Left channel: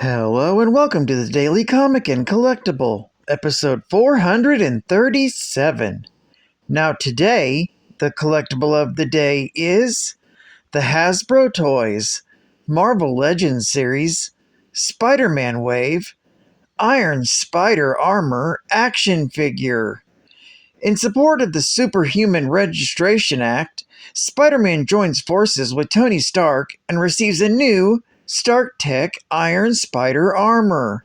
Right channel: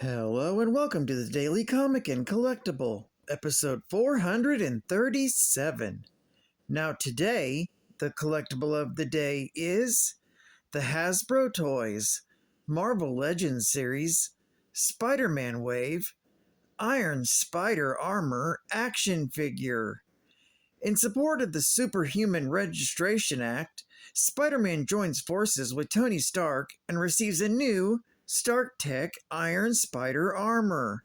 Hello and welcome to the Daily Comic and Collectible, episode 437. Now today, the collectible of the day is the Hasbro Toys Marvel Legends series Spider-Man Wave Iron Spider Armor action figure. In support of the Superhuman Registration Act, Spider-Man joins forces with Tony Stark and receives a new Stark Tech Iron Spider armor.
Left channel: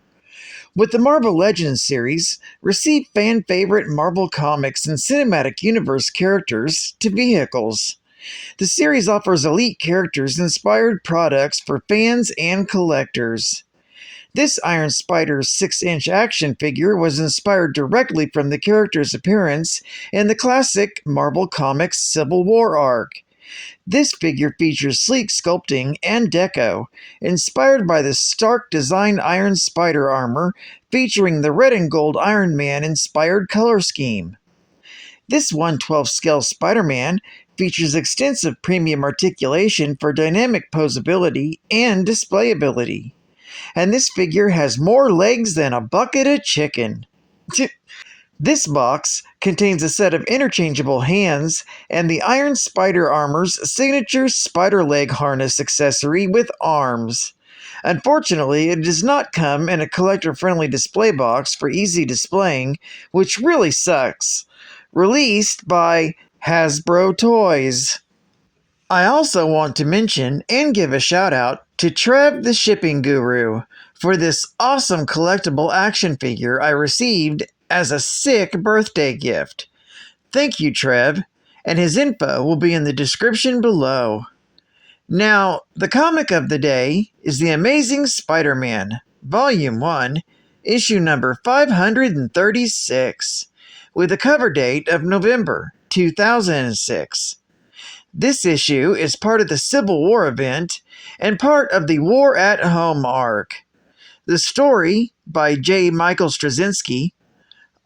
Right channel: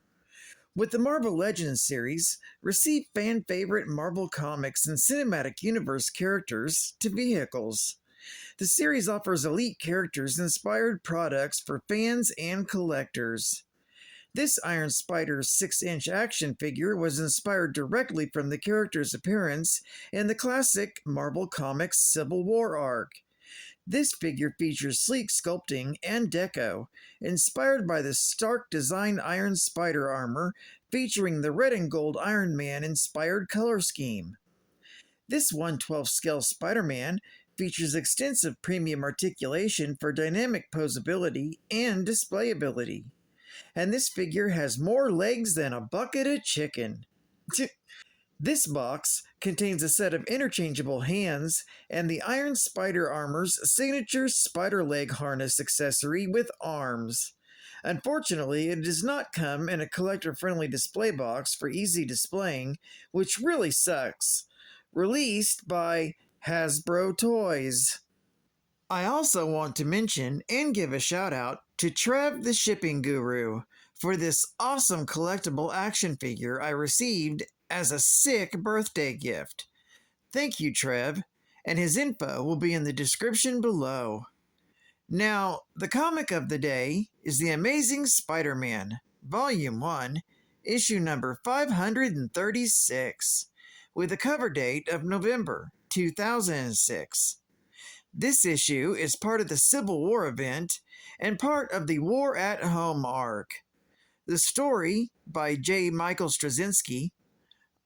With the Marvel Legends series, receive fan-favorite Marvel Comics and Cinematic Universe characters to vehicles. The series offers elite characters-inspired products for fans and collectors. This Iron Spider 6-inch action figure was inspired directly from the character's appearance in the classic Marvel Comics Civil War arc. This figure features sleek sculpting and deco, inspired by the Stark design Iron Spider armor featuring the red and gold Iron Man inspired color scheme. This 1/12 scale Spider-Man features extensive premium articulation for dynamic posability and displayability. And this figure has more legs than a bucket of chicken. This box contains a set of interchangeable hands and the Iron Spider armor's signature spider leg harness accessory with arms. Unfortunately, it does not come in a collector-friendly display box for easy displaying, which really sucks. Released by Hasbro Toys. I also want to mention and give a shout out to TREV the Shipping Guru for this awesome collectible action figure I received as a sick birthday gift. Thank you, Trev, and his info will be in the description below. Now, the comic of the day is The Amazing Spider-Man, Volume 1, issue number 536, with a cover date of November 2006. This issue is part of the Civil War event and part of the War at Home arc. The story by J. Michael Straczynski,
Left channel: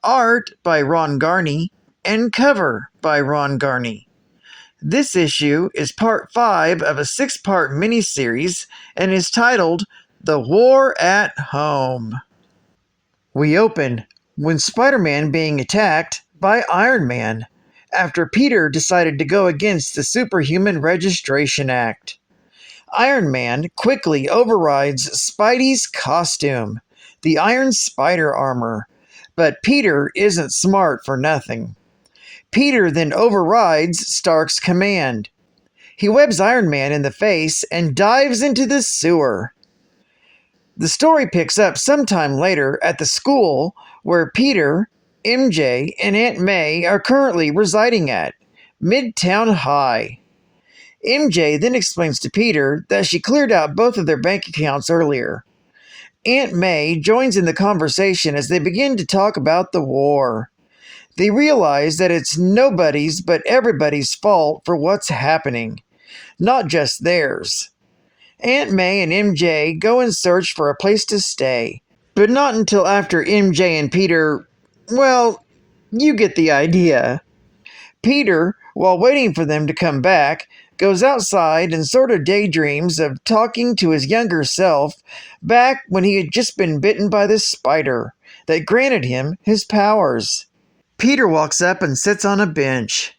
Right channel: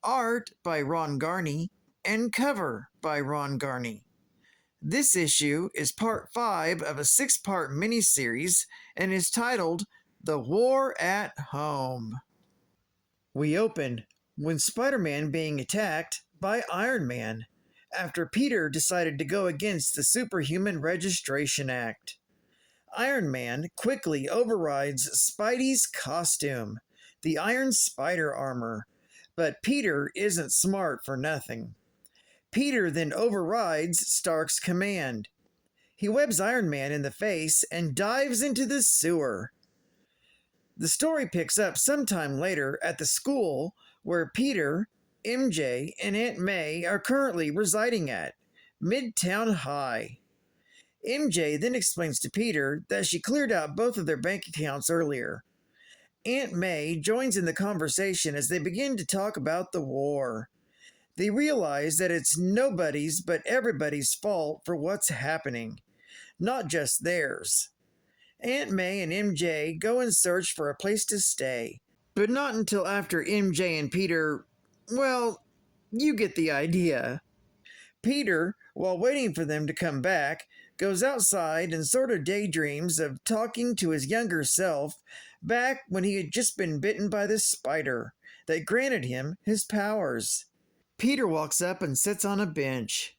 art by Ron Garney, and cover by Ron Garney. This issue is part 5 of a 6-part miniseries and is titled The War at Home. We open when Spider-Man being attacked by Iron Man after Peter decided to go against the Superhuman Registration Act. Iron Man quickly overrides Spidey's costume, the Iron Spider armor, but Peter isn't smart for nothing. Peter then overrides Stark's command. He webs Iron Man in the face and dives into the sewer. The story picks up sometime later at the school where Peter, MJ, and Aunt May are currently residing at, Midtown High. MJ then explains to Peter that she cleared out both of their bank accounts earlier. Aunt May joins in the conversation as they begin to talk about the war. They realize that it's nobody's but everybody's fault for what's happening, not just theirs. Aunt May and MJ go in search for a place to stay, but not until after MJ and Peter, well, you get the idea. Peter, while waiting for them to come back, goes outside and sort of daydreams of talking to his younger self back when he had just been bitten by the spider that granted him his powers. Peter walks up and sits on a bench.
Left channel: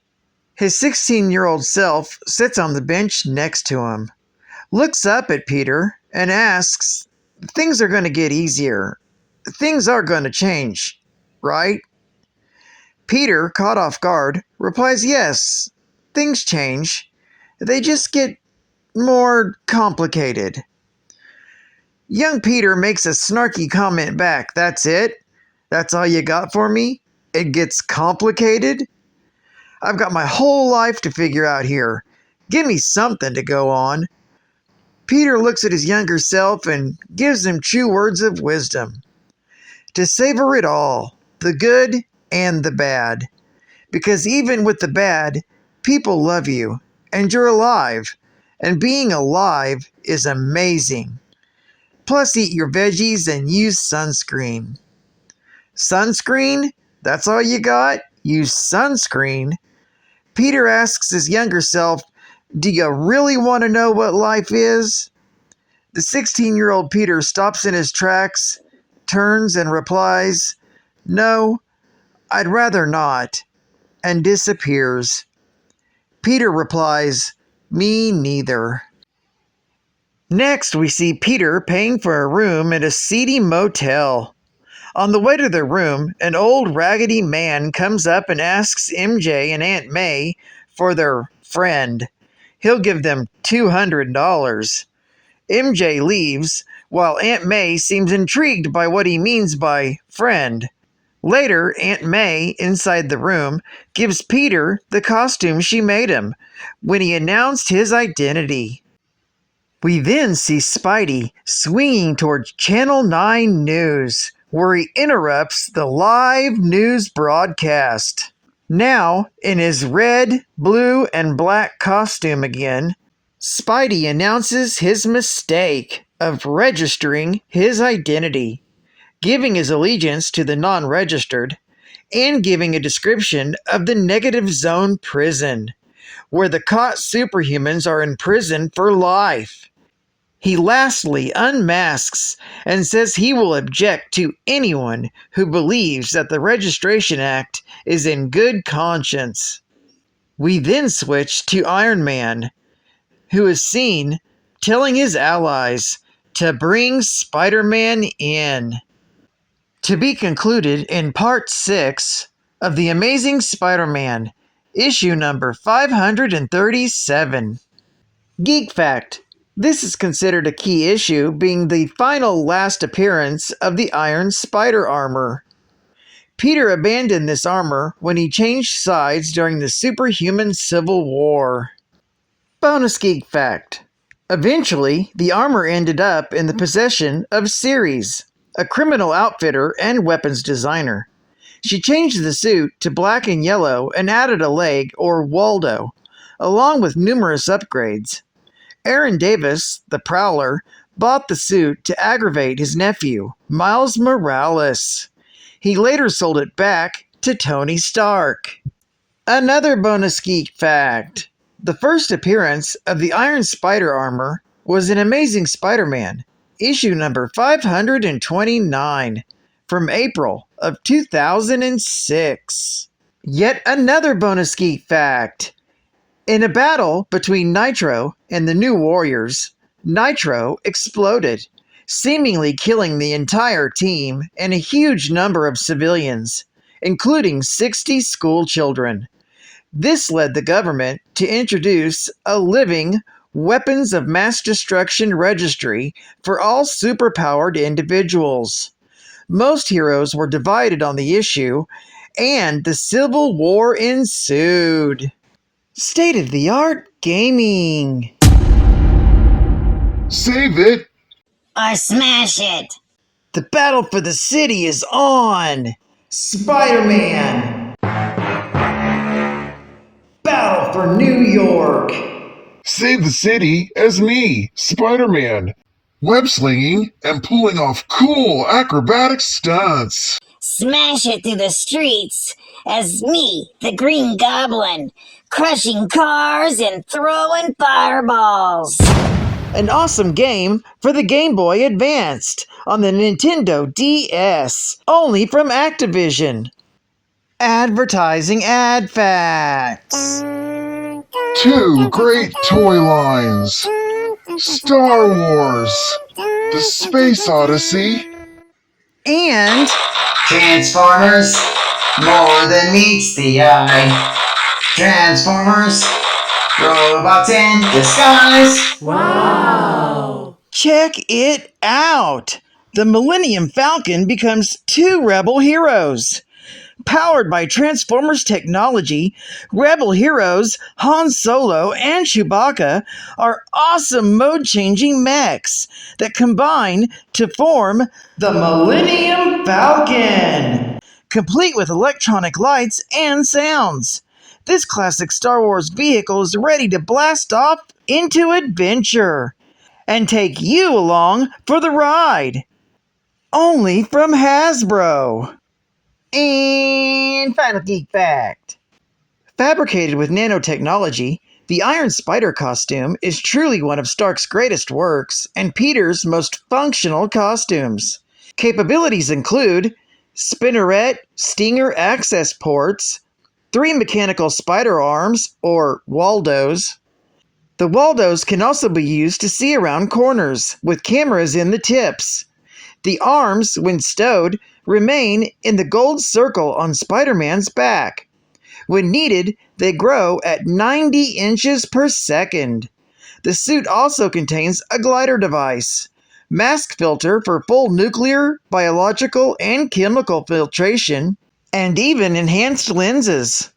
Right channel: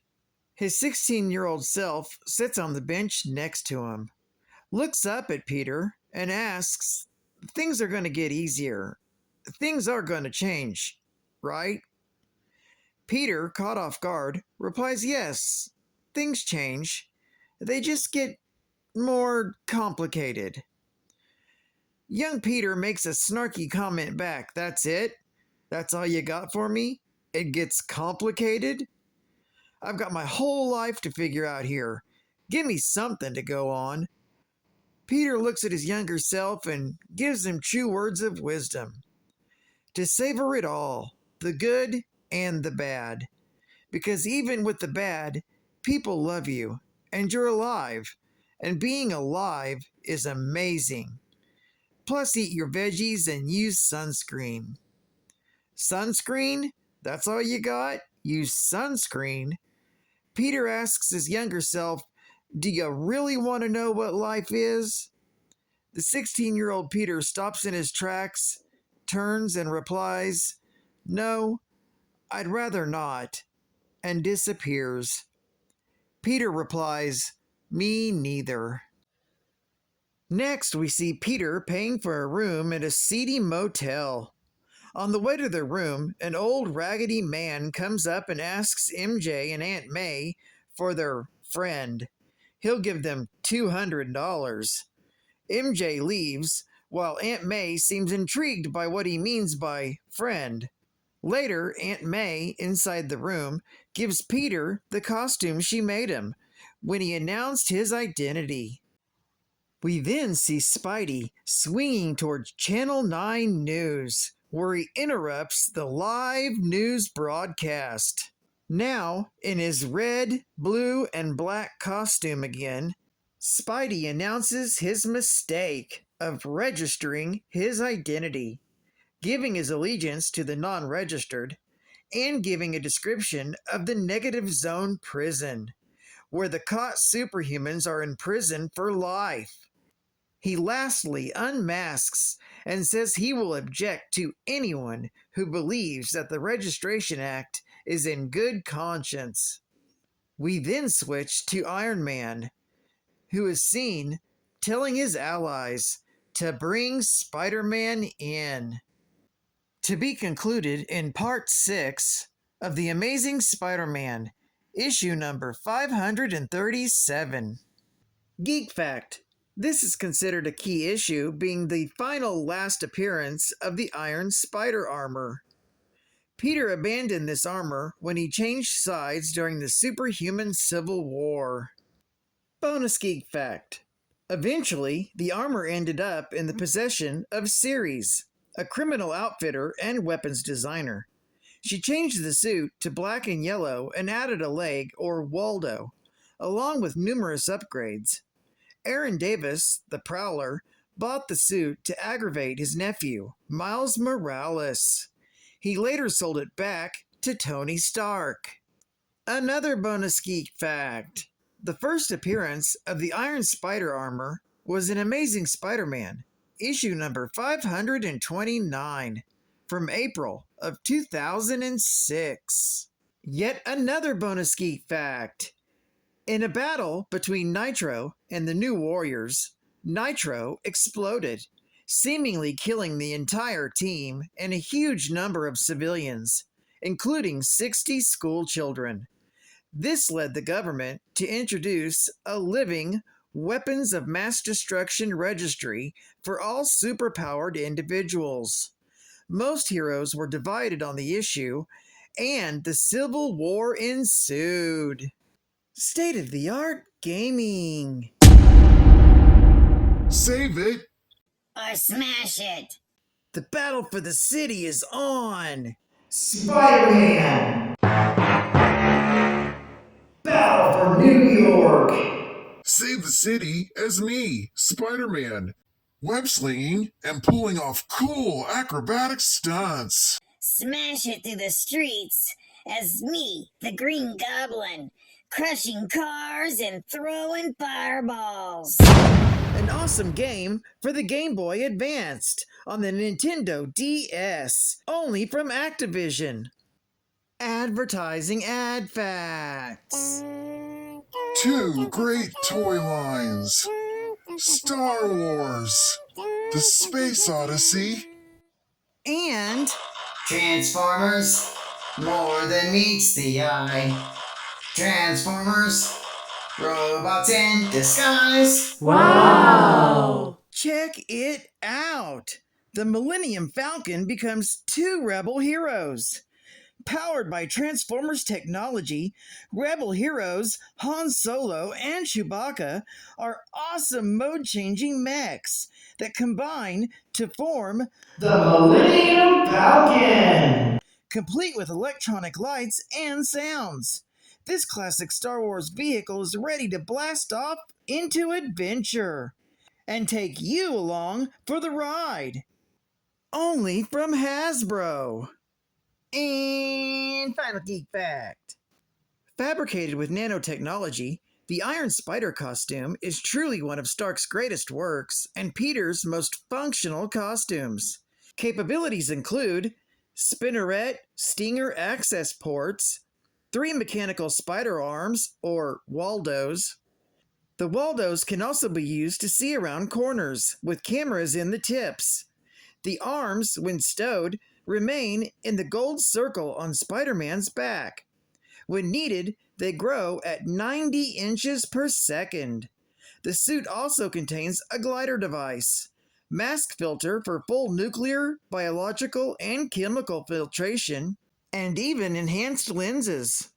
His 16-year-old self sits on the bench next to him, looks up at Peter, and asks, "Things are going to get easier. Things are going to change, right?" Peter, caught off guard, replies, "Yes, things change. They just get more complicated." Young Peter makes a snarky comment back. "That's it? That's all you got for me? It gets complicated? I've got my whole life to figure out here. Give me something to go on." Peter looks at his younger self and gives him true words of wisdom. To savor it all, the good and the bad. Because even with the bad, people love you, and you're alive. And being alive is amazing. Plus, eat your veggies and use sunscreen. Sunscreen? That's all you got? Use sunscreen? Peter asks his younger self, "Do you really want to know what life is?" The 16-year-old Peter stops in his tracks, turns and replies, "No, I'd rather not," and disappears. Peter replies, "Me neither." Next, we see Peter paying for a room at a seedy motel. On the way to their room, an old raggedy man comes up and asks MJ and Aunt May for their friend. He'll give them $200. MJ leaves, while Aunt May seems intrigued by what he means by friend. Later, Aunt May, inside the room, gives Peter the costume she made him when he announced his identity. We then see Spidey swinging towards Channel 9 News, where he interrupts the live news broadcast. Now, in his red, blue, and black costume again, Spidey announces his mistake of registering his identity, giving his allegiance to the non-registered, and giving a description of the negative zone prison, where the caught superhumans are imprisoned for life. He lastly unmasks and says he will object to anyone who believes that the Registration Act is in good conscience. We then switch to Iron Man, who is seen telling his allies to bring Spider-Man in. To be concluded in Part 6 of The Amazing Spider-Man, issue number 537. Geek Fact: this is considered a key issue, being the final last appearance of the Iron Spider armor. Peter abandoned this armor when he changed sides during the superhuman Civil War. Bonus Geek Fact: eventually, the armor ended up in the possession of Ceres, a criminal outfitter and weapons designer. She changed the suit to black and yellow and added a leg, or Waldo, along with numerous upgrades. Aaron Davis, the Prowler, bought the suit to aggravate his nephew, Miles Morales. He later sold it back to Tony Stark. Another bonus geek fact: the first appearance of the Iron Spider armor was in Amazing Spider-Man, issue number 529, from April of 2006. Yet another bonus geek fact: in a battle between Nitro and the New Warriors, Nitro exploded, seemingly killing the entire team and a huge number of civilians, including 60 school children. This led the government to introduce a living weapons of mass destruction registry for all superpowered individuals. Most heroes were divided on the issue, and the Civil War ensued. State-of-the-art gaming. Save it! Or smash it! The battle for the city is on! Spider-Man! Battle for New York! Save the city as me, Spider-Man, web-slinging and pulling off cool acrobatic stunts. Smash it through the streets as me, the Green Goblin, crushing cars and throwing fireballs. An awesome game for the Game Boy Advanced on the Nintendo DS, only from Activision. Advertising ad facts. 2 great toy lines: Star Wars, The Space Odyssey, And Transformers, more than meets the eye. Transformers, robots in disguise. check it out! The Millennium Falcon becomes 2 rebel heroes. Powered by Transformers technology, rebel heroes Han Solo and Chewbacca are awesome mode-changing mechs that combine to form the Millennium Falcon, complete with electronic lights and sounds. This classic Star Wars vehicle is ready to blast off into adventure and take you along for the ride. Only from Hasbro. And final geek fact: fabricated with nanotechnology, The Iron Spider costume is truly one of Stark's greatest works and Peter's most functional costumes. Capabilities include spinneret stinger access ports, 3 mechanical spider arms, or Waldos. The Waldos can also be used to see around corners, with cameras in the tips. The arms, when stowed, remain in the gold circle on Spider-Man's back. When needed, they grow at 90 inches per second. The suit also contains a glider device, mask filter for full nuclear, biological, and chemical filtration, and even enhanced lenses.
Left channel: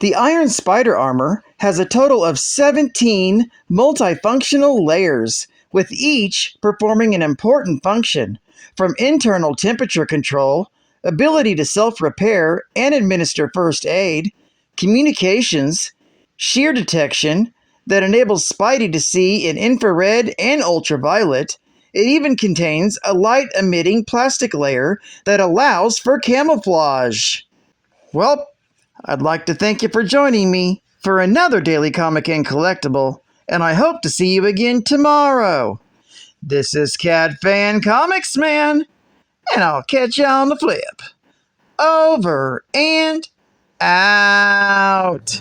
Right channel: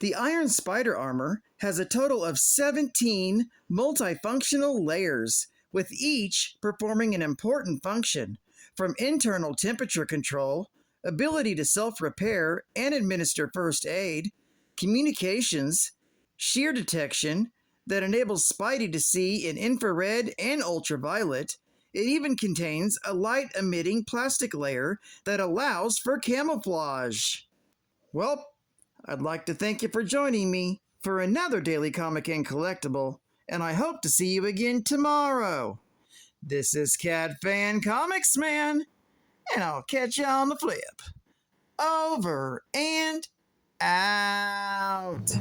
The Iron Spider armor has a total of 17 multifunctional layers, with each performing an important function, from internal temperature control, ability to self-repair and administer first aid, communications, shear detection that enables Spidey to see in infrared and ultraviolet. It even contains a light-emitting plastic layer that allows for camouflage. Well, I'd like to thank you for joining me for another Daily Comic and Collectible, and I hope to see you again tomorrow. This is Cat Fan Comics Man, and I'll catch you on the flip. Over and out.